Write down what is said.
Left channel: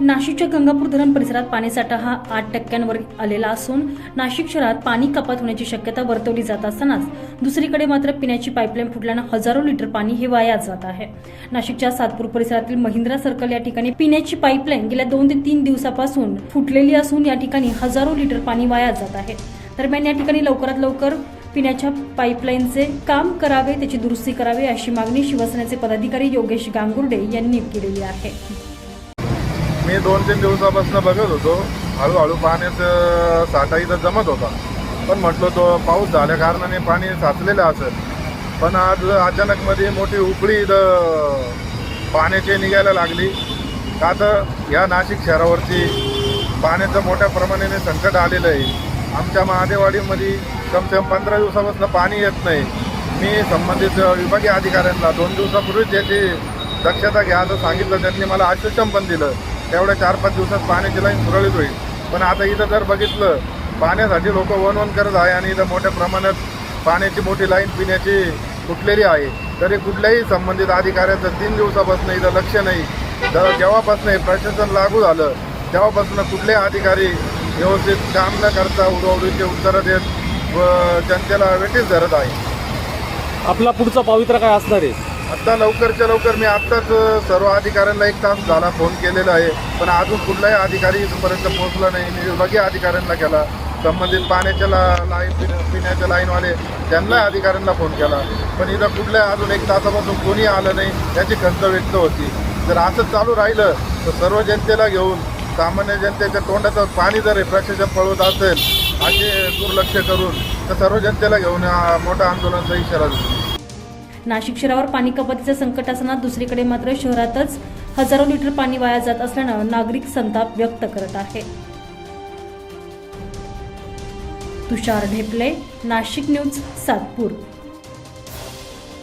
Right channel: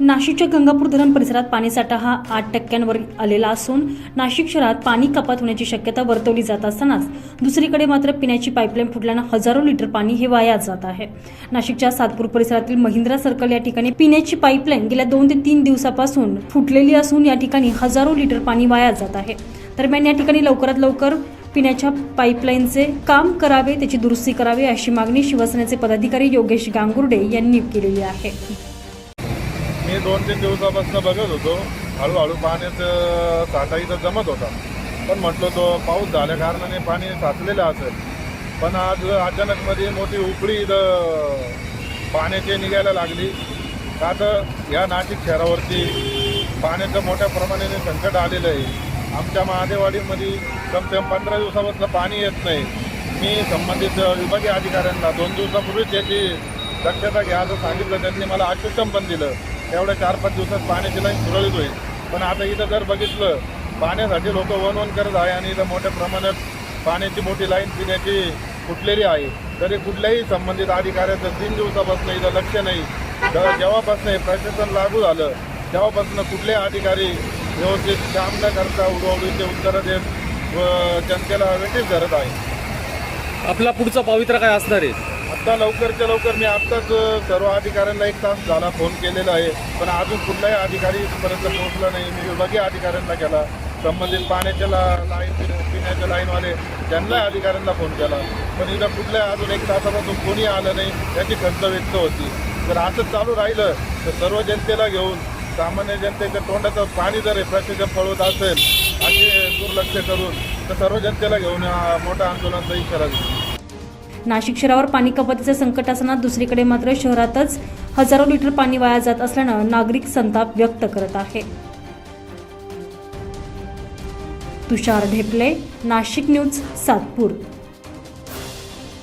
नाशिकच्या गंगापूर धरण परिसरात पाणीसाठा हा आठ टक्क्यांवर आलेला असून नाशिक शहरात पाणी कपात होण्याची शक्यता वर्तवली जात असतानाच दुसरीकडे मात्र पिण्याची पाईपलाईन फुटल्यानं हजारो लिटर पाणी हे वाया जात आहे. नाशिकच्या सातपूर परिसरातील महिंद्रा सर्कल या ठिकाणी पिण्याची पाईपलाईन गेल्या दोन ते तीन दिवसापासून फुटलेली असून या ठिकाणी हजारो लिटर पाणी वाया जात आहे. दरम्यान या ठिकाणी लवकरात लवकर पिण्याच्या पाईपलाईनचे काम करावे त्याची दुरुस्ती करावी अशी मागणी शिवसेनेचे पदाधिकारी योगेश गांगुर्डे यांनी केलेली आहे. मी दोन तीन दिवसापासून बघत होतो. हळूहळू पाण्याचं साठा इथं जमत होता. पण म्हटलो तो पाऊस झाल्या कारणाने पाणी साचलेलं असेल. पण आज अचानक मध्ये मोठी उकळी इथं पाण्याची निघायला लागली. का तर या नाशिक शहरावरती पाण्याचं मोठ्या प्रमाणाने संकट आलेलं आहे. आमच्या महादेवाडीमध्ये कमसेम पंधरा दिवसापासून पाणी येत नाही. मी संबंधित विभागीय अधिकाऱ्यांना दोन दिवसापूर्वीच याची दक्षता घ्या असं सांगितलं. त्यांनी मला आश्वासन पण दिलं. तेवढ्या चार पाच दिवसात पाण्याची लाईन सुरळीत होईल. पण आता इथं जर बघितलं पाण्यासाठी लोक वन वन करत आहे आणि इथं मोठ्या प्रमाणात पाण्याची मोठी लाईन पिण्याची फुटलेली आहे. तरी कुठल्याही संबंधित अधिकाऱ्याचं तीन दिवसापासून इथं लक्ष नाही. जर जेव्हापासून हे प्रशासन लागू झालं तेव्हापासून कुठलेही अधिकारी व्यवस्थित काम न करता उडवडीचे उत्तरं देत व जनतेला वेटीस धरत आहे. आपला पुढचा पवित्रा काय असणार आहे? आत्ता लवकरच्या लवकर मी आत्ताच सर्व अधिकाऱ्यांना एक तास झाला फोन केलेला आहे. पण अजून कुठलाही अधिकारी इथपर्यंत पोहोचला नाही. मी विभागीय अधिकाऱ्यांना केला. संबंधित पाण्याच्या ला लाईन पिण्याच्या लाईनवाले त्यांना अधिकाऱ्यांना फोन केला. पण इथं कुठल्या अजून एक तासापासून कोणी आलं नाही याची खंत व्यक्त होती. जर असं चालू राहिलं तर सर्व जनतेला घेऊन सामान्य जनतेच्या तोंडाचं पाणी जर हे प्रशासन पळवत असेल असे दुर्लक्ष करून तर सर्व जनतेला घेऊन मोठं मोठा आंदोलनाचा इशारा देतो. नाशिक शहरावर पाणी कपातीचं संकट असताना दुसरीकडे मात्र शहरातच हजारो लिटर पाणी वाया जात असल्यानं नागरिक संताप व्यक्त करत आहे. तुषार ढेपले नाशिक न्यूज सातपूर.